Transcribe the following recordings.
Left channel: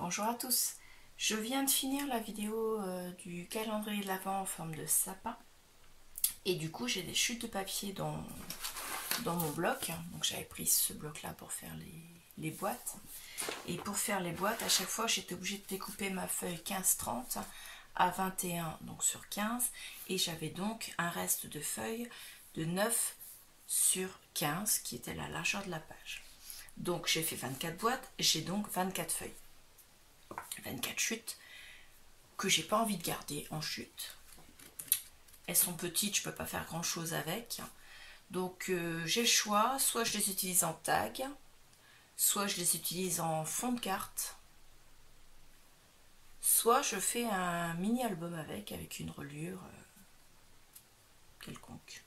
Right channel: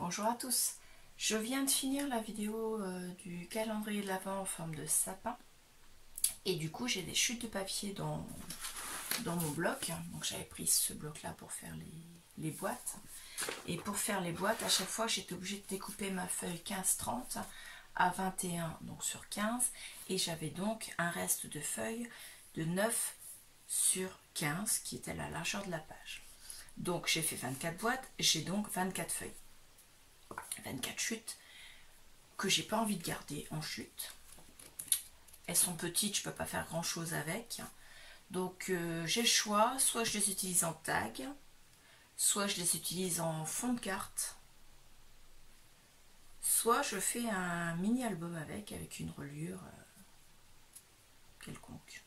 Bonjour à tous, je viens de finir la vidéo du calendrier de l'Avent en forme de sapin et du coup j'ai des chutes de papier dans mon bloc, donc j'avais pris ce bloc là pour faire les boîtes, et pour faire les boîtes à chaque fois j'étais obligée de découper ma feuille 15-30 à 21 donc sur 15 et j'avais donc un reste de feuilles de 9 sur 15 qui était la largeur de la page. Donc j'ai fait 24 boîtes, j'ai donc 24 feuilles. 24 chutes que j'ai pas envie de garder en chute. Elles sont petites, je peux pas faire grand chose avec. Donc j'ai le choix, soit je les utilise en tag, soit je les utilise en fond de carte, soit je fais un mini album avec une reliure quelconque.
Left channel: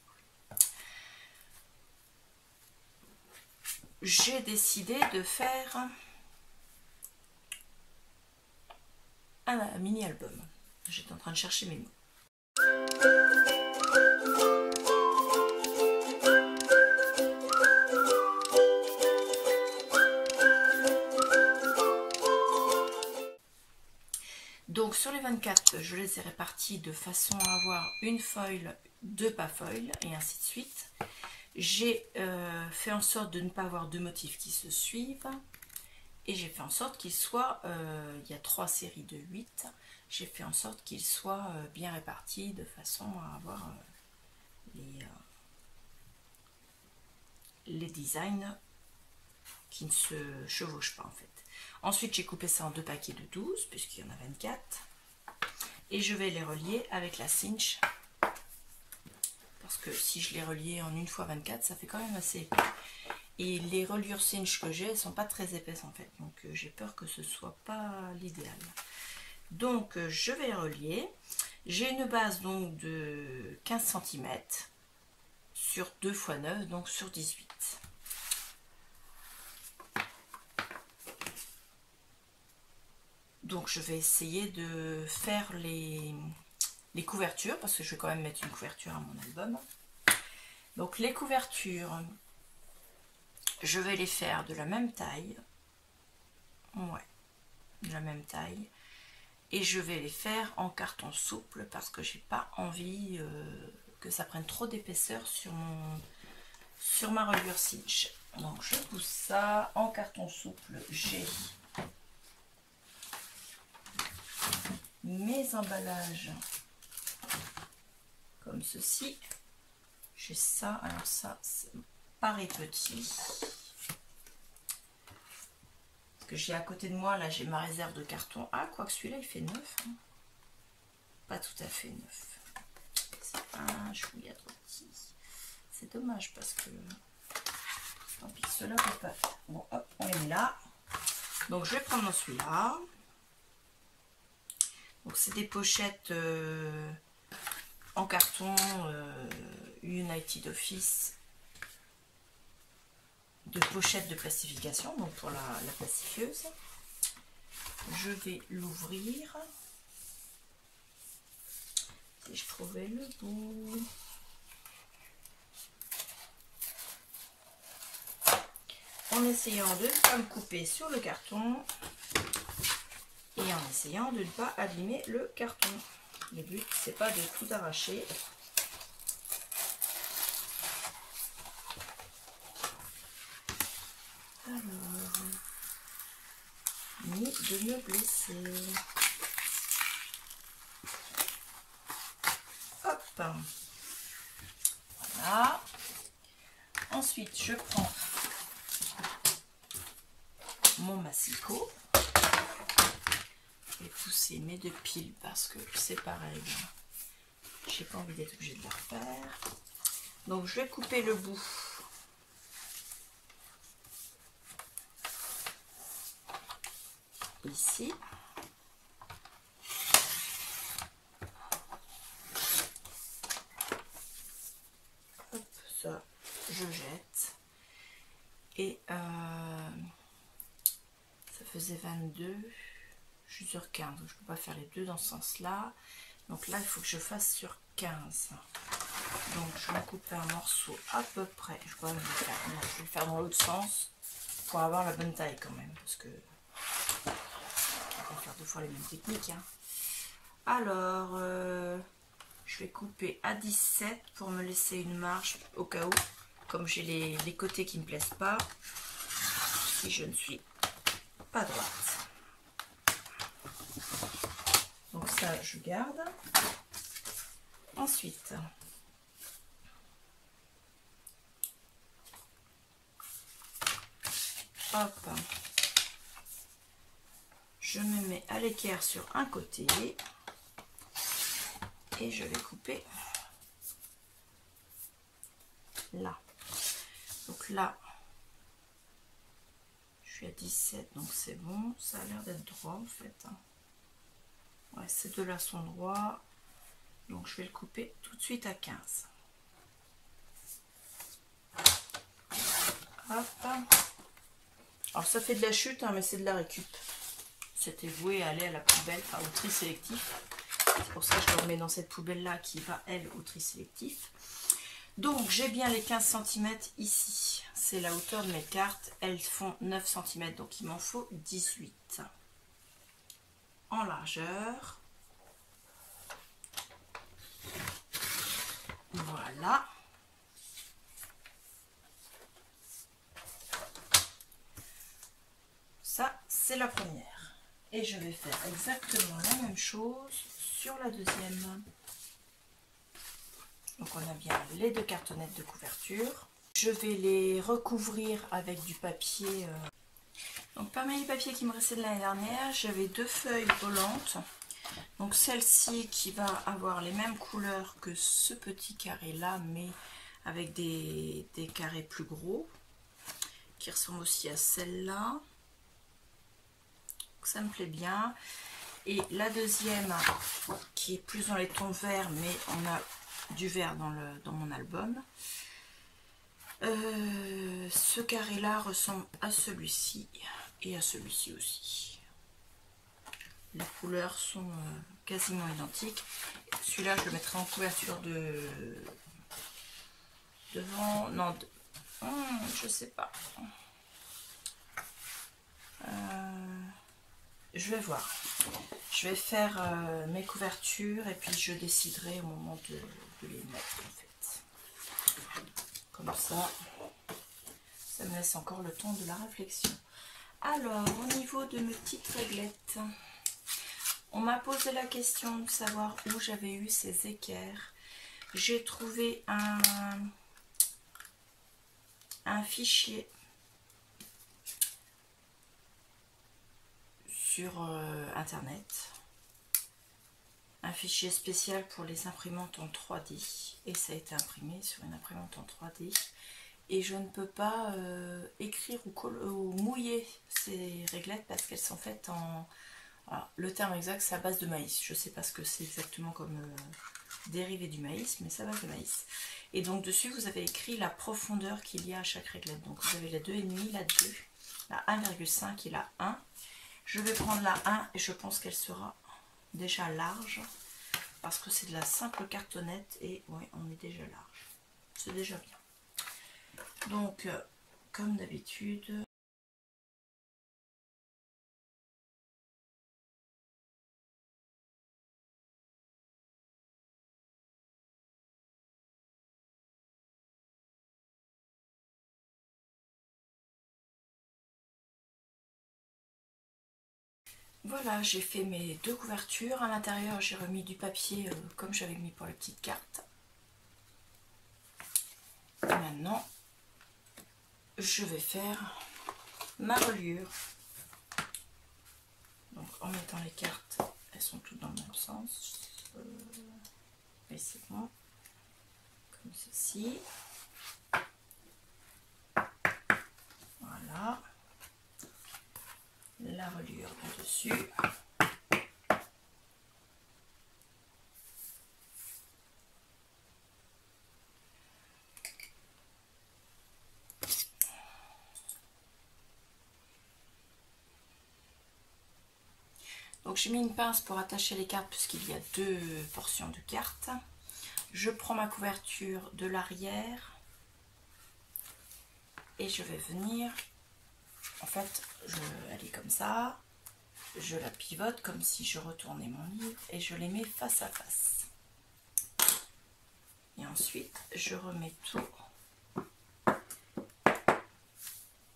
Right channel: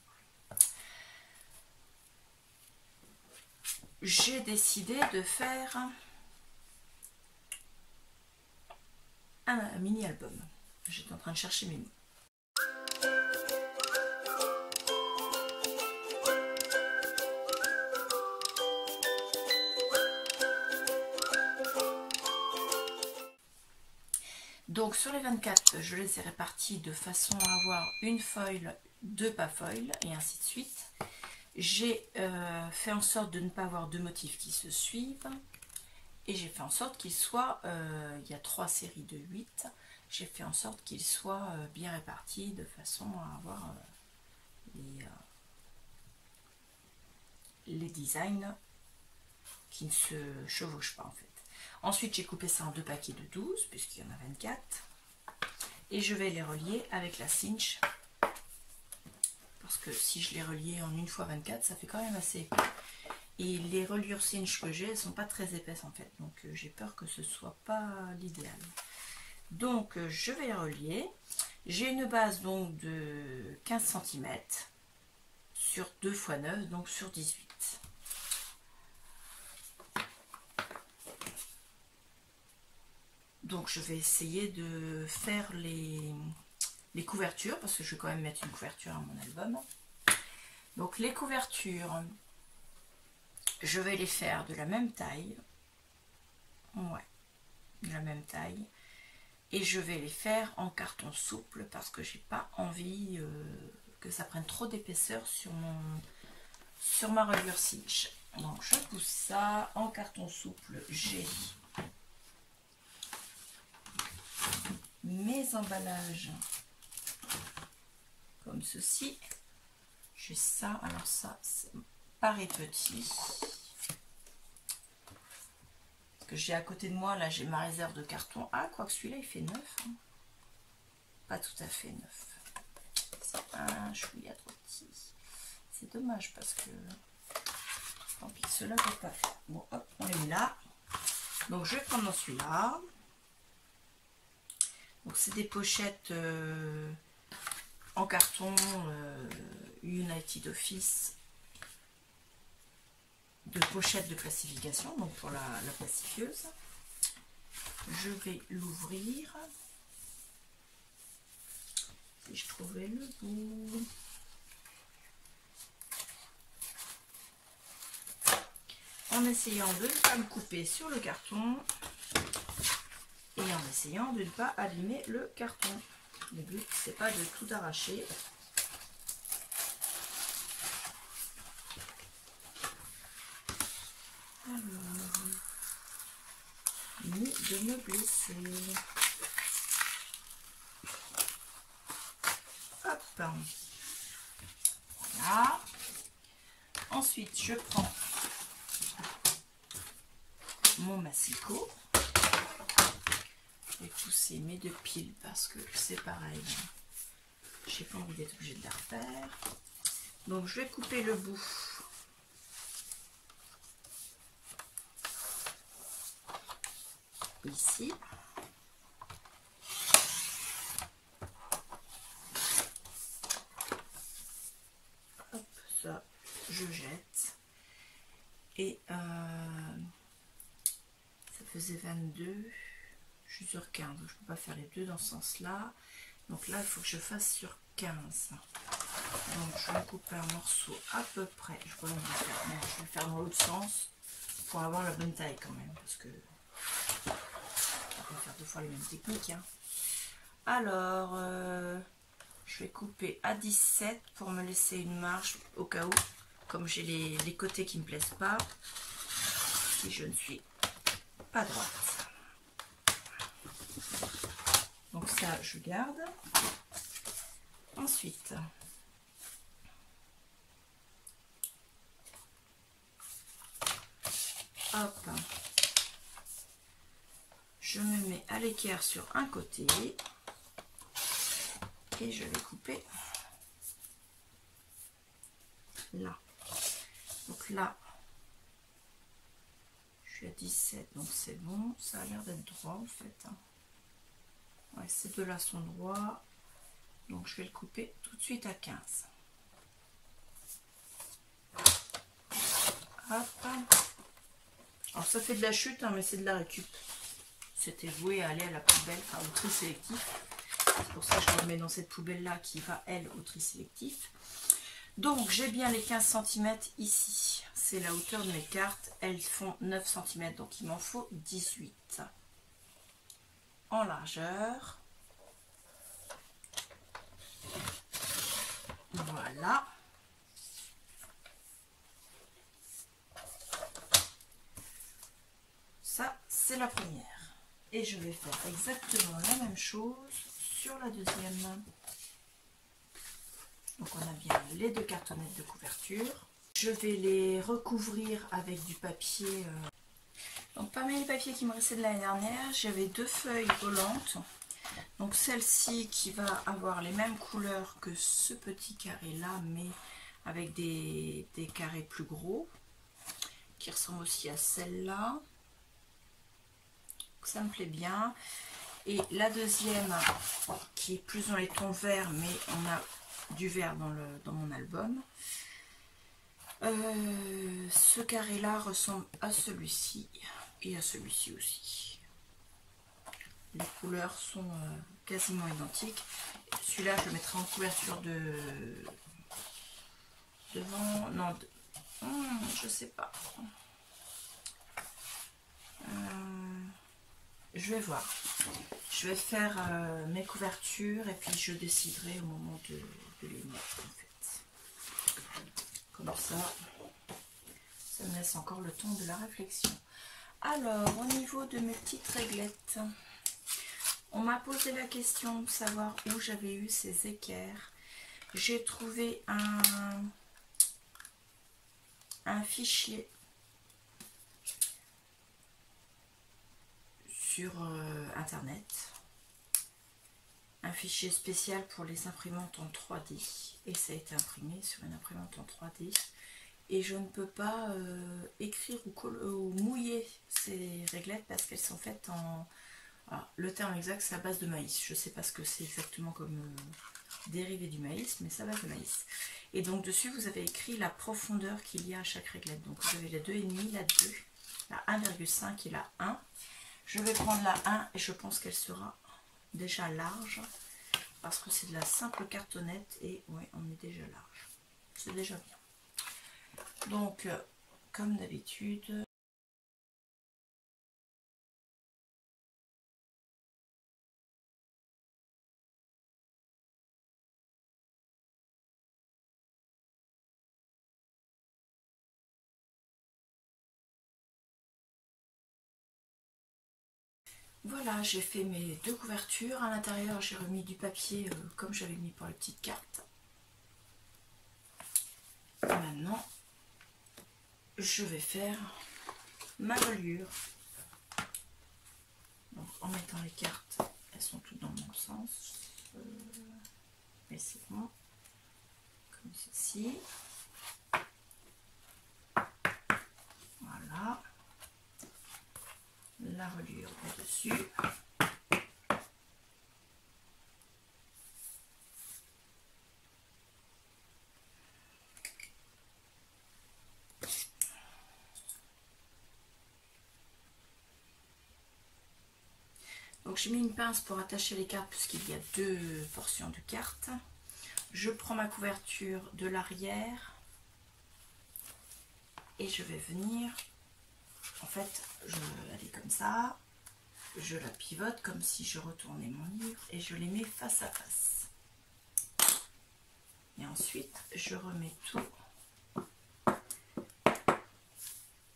J'ai décidé de faire un mini album. J'étais en train de chercher mes mots. Donc sur les 24, je les ai répartis de façon à avoir une foil, deux pas foil et ainsi de suite. J'ai fait en sorte de ne pas avoir deux motifs qui se suivent. Et j'ai fait en sorte qu'il soit, il y a 3 séries de 8, j'ai fait en sorte qu'il soit bien réparti de façon à avoir les designs qui ne se chevauchent pas en fait. Ensuite j'ai coupé ça en deux paquets de 12 puisqu'il y en a 24 et je vais les relier avec la cinch parce que si je les reliais en une fois 24 ça fait quand même assez épais. Et les reliures cinch que j'ai, elles sont pas très épaisses en fait, donc j'ai peur que ce soit pas l'idéal. Donc je vais les relier. J'ai une base donc de 15 cm sur 2 x 9, donc sur 18. Donc je vais essayer de faire les couvertures, parce que je vais quand même mettre une couverture à mon album. Donc les couvertures, je vais les faire de la même taille, ouais, de la même taille, et je vais les faire en carton souple parce que j'ai pas envie que ça prenne trop d'épaisseur sur ma reliure cinch. Donc je pousse ça en carton souple. J'ai mes emballages comme ceci. J'ai ça, alors ça paraît petit. Que j'ai à côté de moi, là j'ai ma réserve de carton. Ah, quoique celui-là il fait 9. Hein. Pas tout à fait 9. C'est un chouïa trop petit. C'est dommage parce que tant pis, cela ne peut pas faire. Bon, hop, on les met là. Donc je vais prendre celui-là. Donc c'est des pochettes en carton United Office. De pochette de plastification, donc pour la plastifieuse. Je vais l'ouvrir. Si je trouvais le bout. En essayant de ne pas me couper sur le carton et en essayant de ne pas abîmer le carton. Le but, c'est pas de tout arracher. Alors, ni de me blesser. Hop. Voilà. Ensuite, je prends mon massicot. Je vais pousser mes deux piles parce que c'est pareil. J'ai pas envie d'être obligée de la refaire. Donc, je vais couper le bout. Ici. Hop, ça, je jette. Et ça faisait 22. Je suis sur 15. Je ne peux pas faire les deux dans ce sens-là. Donc là, il faut que je fasse sur 15. Donc je vais couper un morceau à peu près. Je vais le faire dans l'autre sens pour avoir la bonne taille quand même. Parce que fois les mêmes techniques. Hein. Alors, je vais couper à 17 pour me laisser une marge au cas où, comme j'ai les côtés qui ne me plaisent pas, si je ne suis pas droite. Donc ça, je garde. Ensuite, hop, je me mets à l'équerre sur un côté et je vais couper là. Donc là, je suis à 17, donc c'est bon. Ça a l'air d'être droit en fait. Ouais, ces deux-là sont droits. Donc je vais le couper tout de suite à 15. Hop. Alors ça fait de la chute, hein, mais c'est de la récup. C'était voué à aller à la poubelle, enfin au tri sélectif. C'est pour ça que je le remets dans cette poubelle-là qui va, elle, au tri sélectif. Donc j'ai bien les 15 cm ici. C'est la hauteur de mes cartes. Elles font 9 cm, donc il m'en faut 18. En largeur. Voilà. Ça, c'est la première. Et je vais faire exactement la même chose sur la deuxième. Donc on a bien les deux cartonnettes de couverture. Je vais les recouvrir avec du papier. Donc parmi les papiers qui me restaient de l'année dernière, j'avais 2 feuilles volantes. Donc celle-ci qui va avoir les mêmes couleurs que ce petit carré là, mais avec des carrés plus gros, qui ressemble aussi à celle-là. Ça me plaît bien. Et la deuxième qui est plus dans les tons verts, mais on a du vert dans mon album. Ce carré là ressemble à celui-ci et à celui-ci aussi. Les couleurs sont quasiment identiques. Celui-là je le mettrai en couverture devant, non, je sais pas. Je vais voir. Je vais faire mes couvertures et puis je déciderai au moment de les mettre en fait. Comme ça, ça me laisse encore le temps de la réflexion. Alors, au niveau de mes petites réglettes, on m'a posé la question de savoir où j'avais eu ces équerres. J'ai trouvé un fichier sur internet, un fichier spécial pour les imprimantes en 3D, et ça a été imprimé sur une imprimante en 3D, et je ne peux pas écrire ou mouiller ces réglettes parce qu'elles sont faites en... Alors, le terme exact c'est à base de maïs, je ne sais pas ce que c'est exactement comme dérivé du maïs, mais c'est à base de maïs. Et donc dessus vous avez écrit la profondeur qu'il y a à chaque réglette. Donc vous avez la 2,5, la 2, la 1,5 et la 1. Je vais prendre la 1 et je pense qu'elle sera déjà large parce que c'est de la simple cartonnette et oui, on est déjà large. C'est déjà bien. Donc, comme d'habitude, voilà, j'ai fait mes 2 couvertures. À l'intérieur, j'ai remis du papier comme j'avais mis pour les petites cartes. Et maintenant, je vais faire ma reliure. Donc, en mettant les cartes, elles sont toutes dans le même sens. Et c'est bon. Comme ceci. Voilà. La reliure au-dessus. Donc j'ai mis une pince pour attacher les cartes puisqu'il y a 2 portions de cartes. Je prends ma couverture de l'arrière et je vais venir, en fait, elle est comme ça. je la pivote comme si je retournais mon livre et je les mets face à face. Et ensuite, je remets tout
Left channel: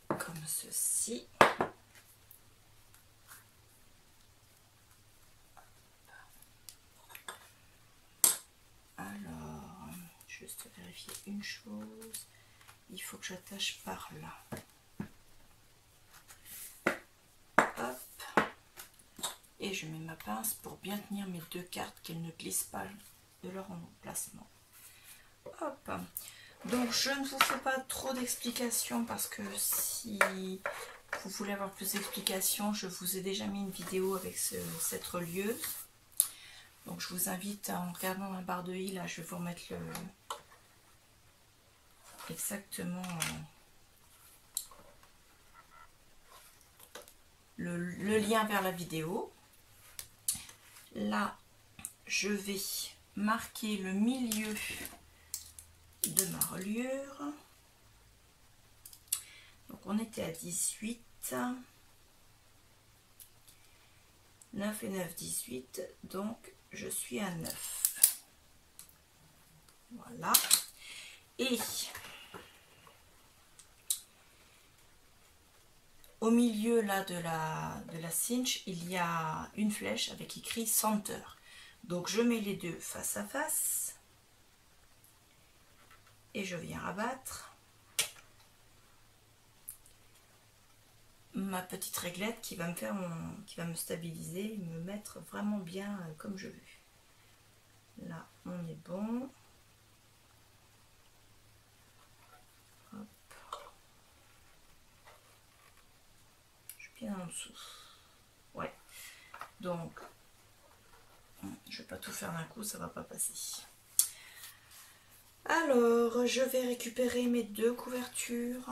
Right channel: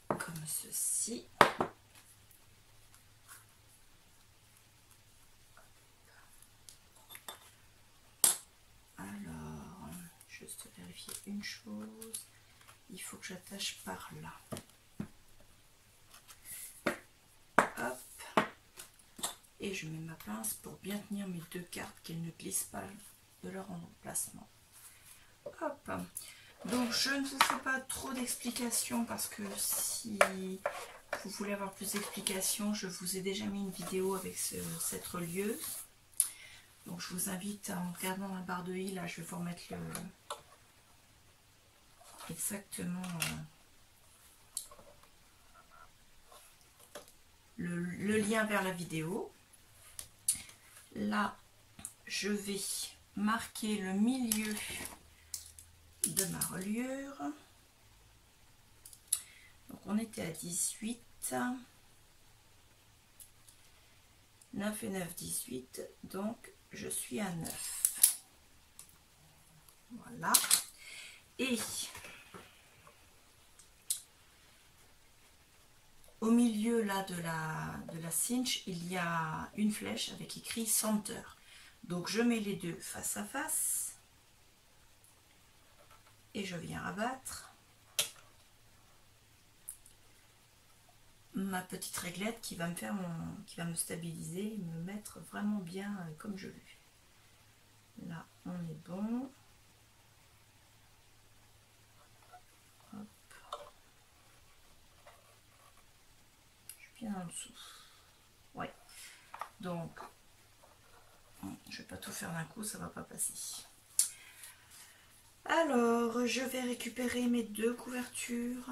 comme ceci. Alors, juste vérifier une chose. Il faut que j'attache par là. Hop. Et je mets ma pince pour bien tenir mes deux cartes, qu'elles ne glissent pas de leur emplacement. Hop. Donc je ne vous fais pas trop d'explications parce que si vous voulez avoir plus d'explications, je vous ai déjà mis une vidéo avec cette relieuse. Donc je vous invite, en regardant la barre de i, là je vais vous remettre exactement le lien vers la vidéo. Là je vais marquer le milieu de ma reliure. Donc on était à 18, 9 et 9, 18, donc je suis à 9. Voilà. Et au milieu là de la cinch, il y a une flèche avec écrit Center. Donc je mets les deux face à face et je viens rabattre ma petite réglette qui va me faire qui va me stabiliser et me mettre vraiment bien comme je veux. Là on est bon. Hop. Je suis bien en dessous. Ouais. Donc je vais pas tout faire d'un coup, ça va pas passer. Alors je vais récupérer mes deux couvertures.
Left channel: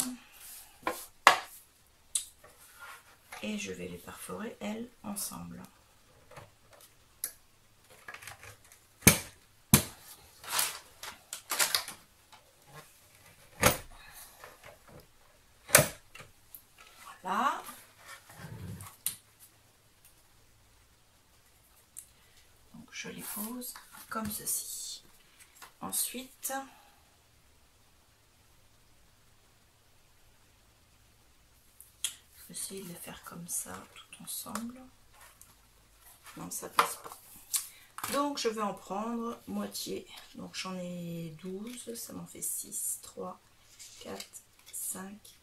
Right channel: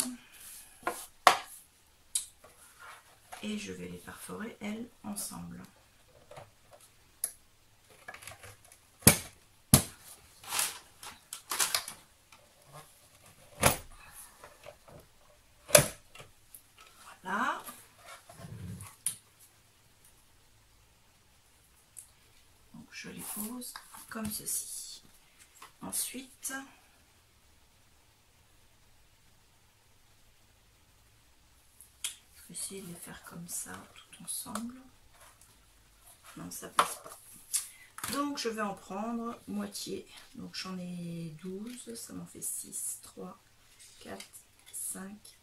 Et je vais les perforer, elles, ensemble. Voilà. Donc je les pose comme ceci. Ensuite, je vais essayer de les faire comme ça, tout ensemble. Non, ça passe pas. Donc je vais en prendre moitié. Donc j'en ai 12, ça m'en fait 6, 3, 4, 5.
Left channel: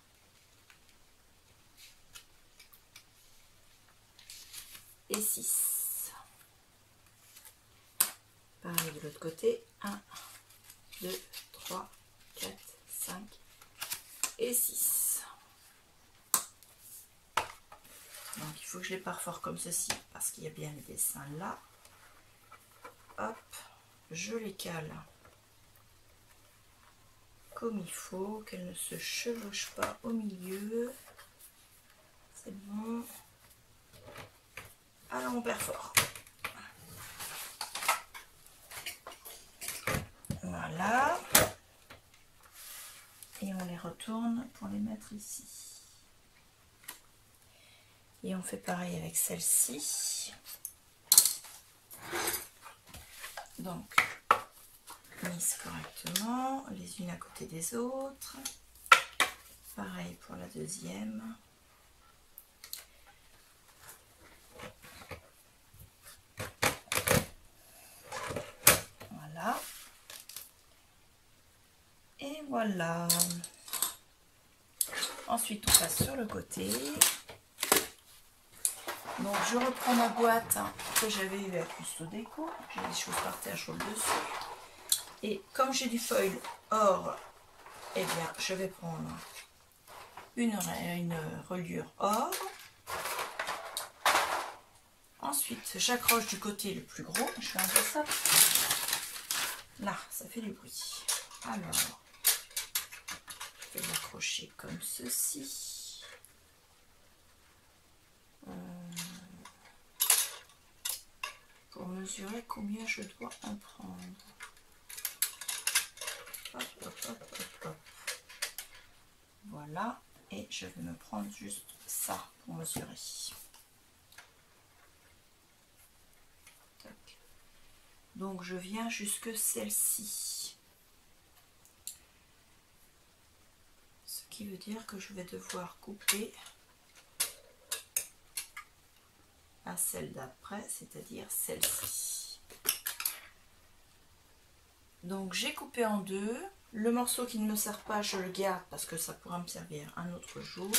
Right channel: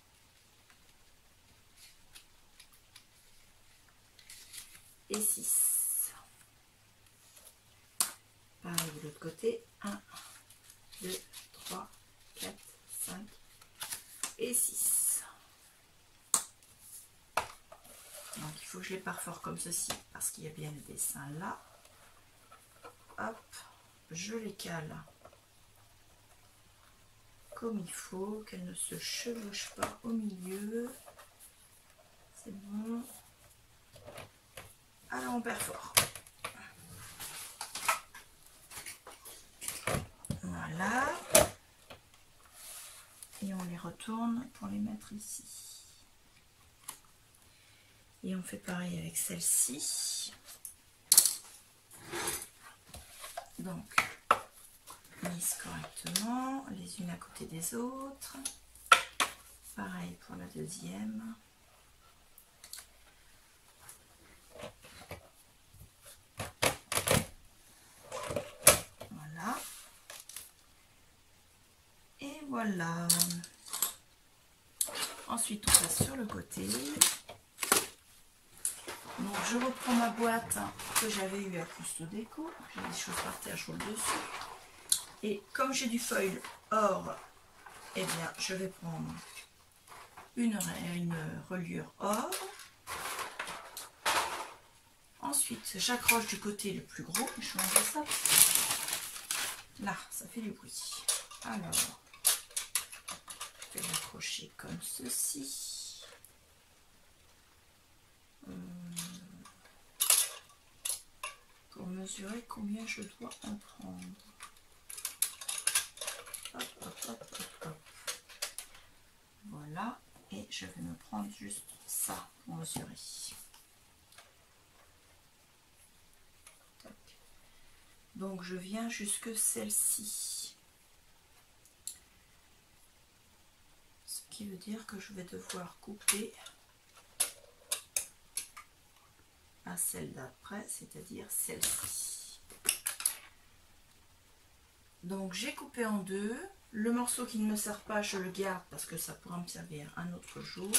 Et 6. Pareil de l'autre côté. 1, 2, 3, 4, 5 et 6. Donc il faut que je les perfore comme ceci parce qu'il y a bien les dessins là. Hop, je les cale comme il faut, qu'elles ne se chevauchent pas au milieu. C'est bon. Alors on perfore. Voilà. Et on les retourne pour les mettre ici. Et on fait pareil avec celle-ci. Donc, mise correctement, les unes à côté des autres. Pareil pour la deuxième. Voilà. Et voilà. Ensuite, on passe sur le côté. Donc, je reprends ma boîte que j'avais eue à Custo Déco. J'ai des choses par terre, je roule dessus. Et comme j'ai du foil or, eh bien, je vais prendre une reliure or. Ensuite, j'accroche du côté le plus gros. Je vais enlever ça. Là, ça fait du bruit. Alors, je vais l'accrocher comme ceci. Pour mesurer combien je dois en prendre. Hop, hop, hop, hop, hop. Voilà. Et je vais me prendre juste ça pour mesurer. Donc je viens jusque celle-ci. Ce qui veut dire que je vais devoir couper à celle d'après, c'est-à-dire celle-ci. Donc j'ai coupé en deux. Le morceau qui ne me sert pas, je le garde parce que ça pourra me servir un autre jour.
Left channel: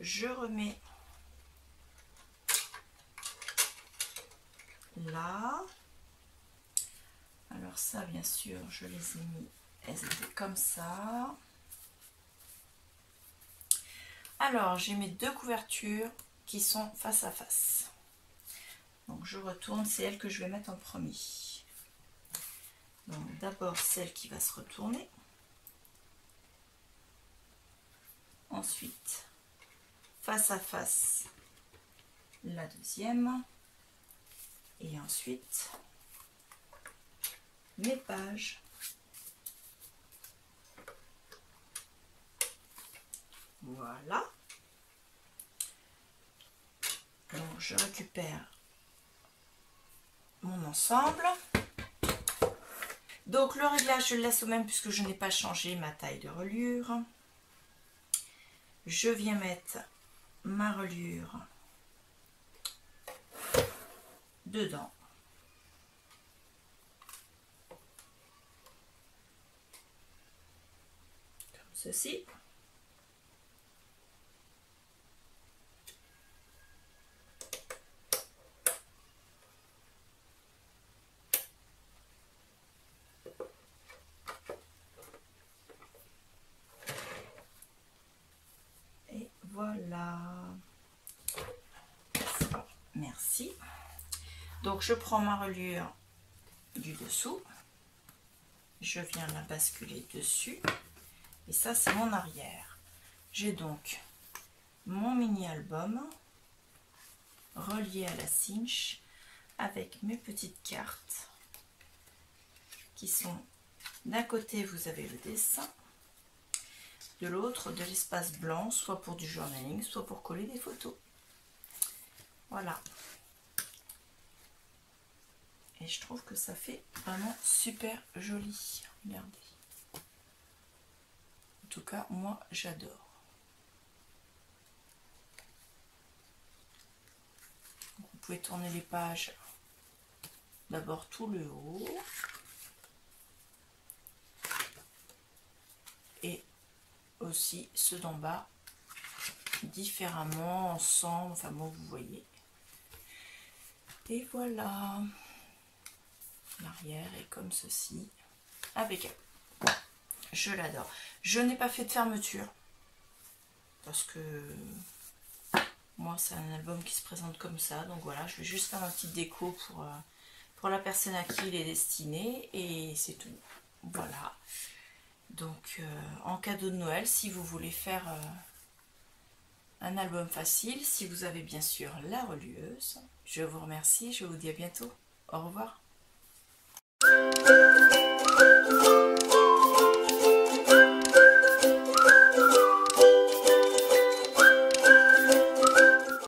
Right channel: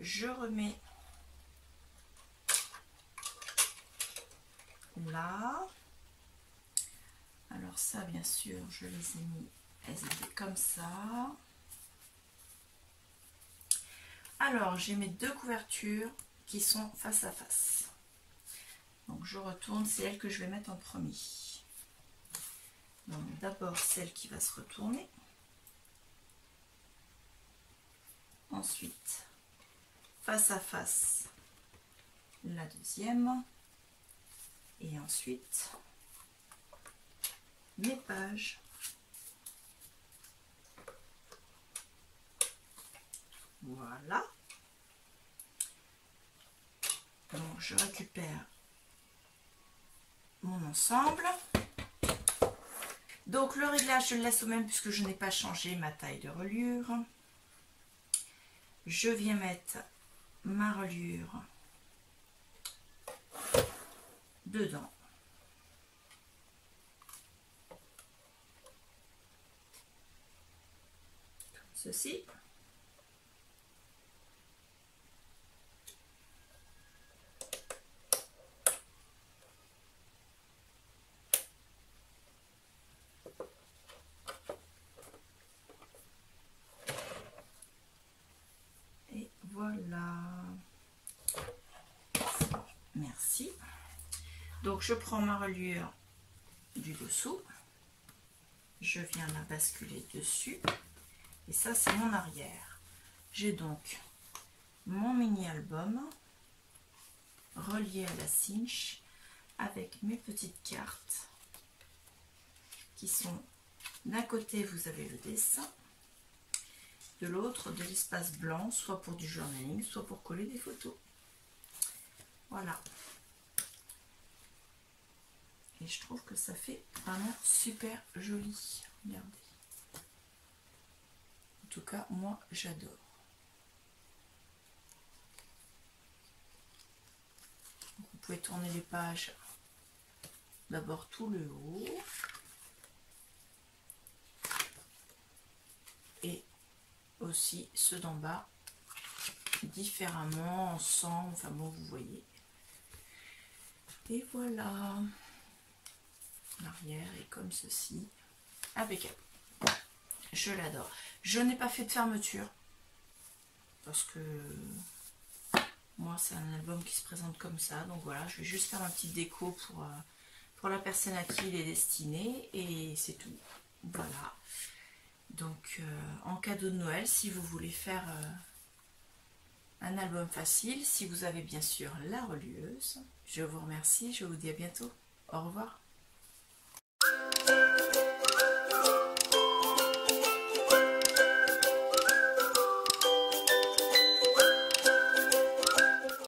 Je remets là. Alors ça, bien sûr, je les ai mis, elles étaient comme ça. Alors, j'ai mes deux couvertures qui sont face à face. Donc, je retourne, c'est elle que je vais mettre en premier. Donc, d'abord, celle qui va se retourner. Ensuite, face à face, la deuxième. Et ensuite, mes pages. Voilà. Donc je récupère mon ensemble. Donc le réglage je le laisse au même puisque je n'ai pas changé ma taille de reliure. Je viens mettre ma reliure dedans. Comme ceci. Et voilà. Merci. Donc je prends ma reliure du dessous. Je viens la basculer dessus. Et ça, c'est mon arrière. J'ai donc mon mini-album relié à la cinche avec mes petites cartes qui sont d'un côté, vous avez le dessin, de l'autre, de l'espace blanc, soit pour du journaling, soit pour coller des photos. Voilà. Et je trouve que ça fait vraiment super joli. Regardez. En tout cas, moi, j'adore. Vous pouvez tourner les pages. D'abord tout le haut. Et aussi ceux d'en bas. Différemment, ensemble. Enfin bon, vous voyez. Et voilà. L'arrière est comme ceci. Impeccable. Je l'adore. Je n'ai pas fait de fermeture. Parce que moi, c'est un album qui se présente comme ça. Donc voilà, je vais juste faire ma petite déco pour la personne à qui il est destiné. Et c'est tout. Voilà. Donc, en cadeau de Noël, si vous voulez faire un album facile, si vous avez bien sûr la relieuse, je vous remercie. Je vous dis à bientôt. Au revoir.